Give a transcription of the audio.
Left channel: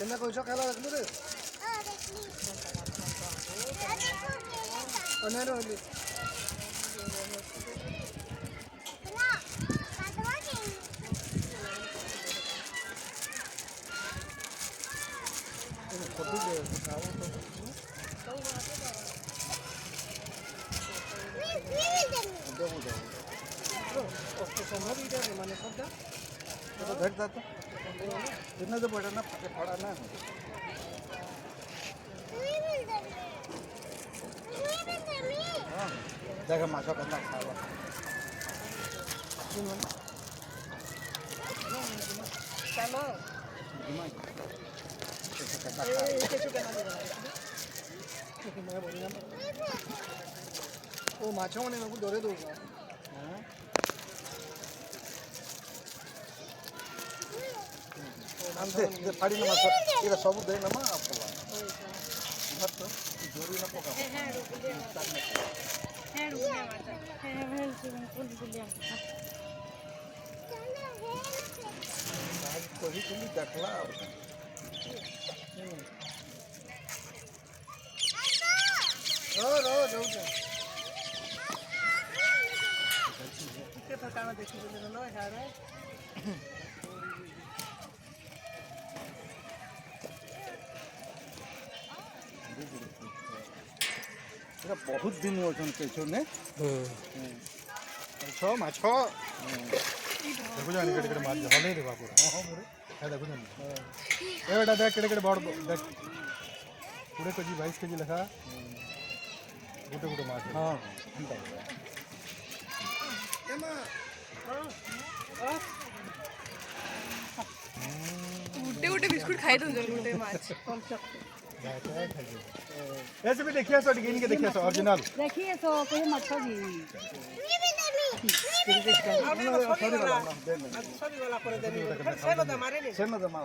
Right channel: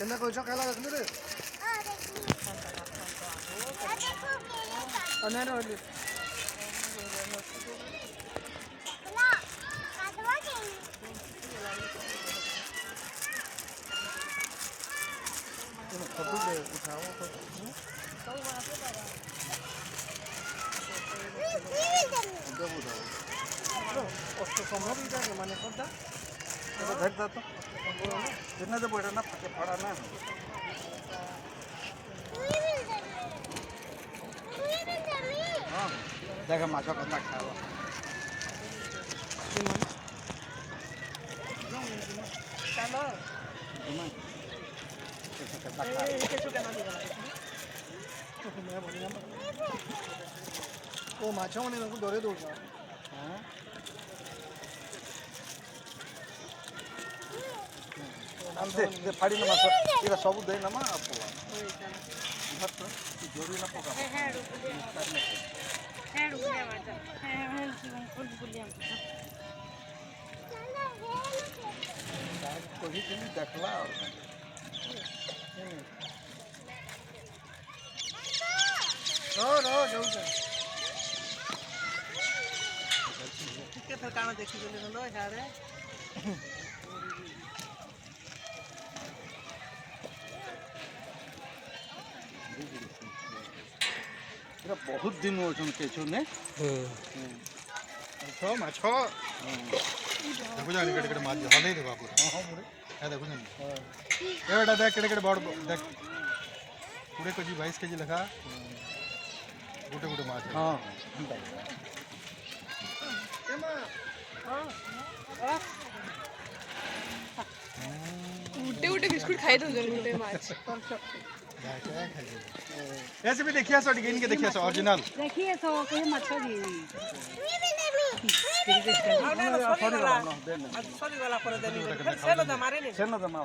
केना कोई चकाला रख ले रे अने रे होली कद्दू दे खाओ तो संभव ही है माने करता तो भेट तो इतना तो बड़ा ना पड़ा ना देखा माछा करना खाओ ओ माछा ने को डरे दो दे फाड़ी ना माछ इरा सब दे ना मा आपको इधर तो जोरी ना पका रुकिया माछा फुल गुलिया कोई चली देखला रो जाऊ के ठिकाना देखि गेले न यारे बहुत दिन हो केचो ने छो माछो देखो जाने कड़े मार हले रे बाबू हां मोरे है देखो जाने एटा देख कड़े बड़ देख पूरे केजी 22 केजी लखा गोटे गोटे माछ हां उठे उठे बिस्कुट खाई दो जरूर माछ ऐसे भी देखिए सो गिन के देखिए सो ओरिजिनल देखिए सो कहीं मच्छर भी सॉरी वाला पर देनी सेना दमारे ने सेना दमा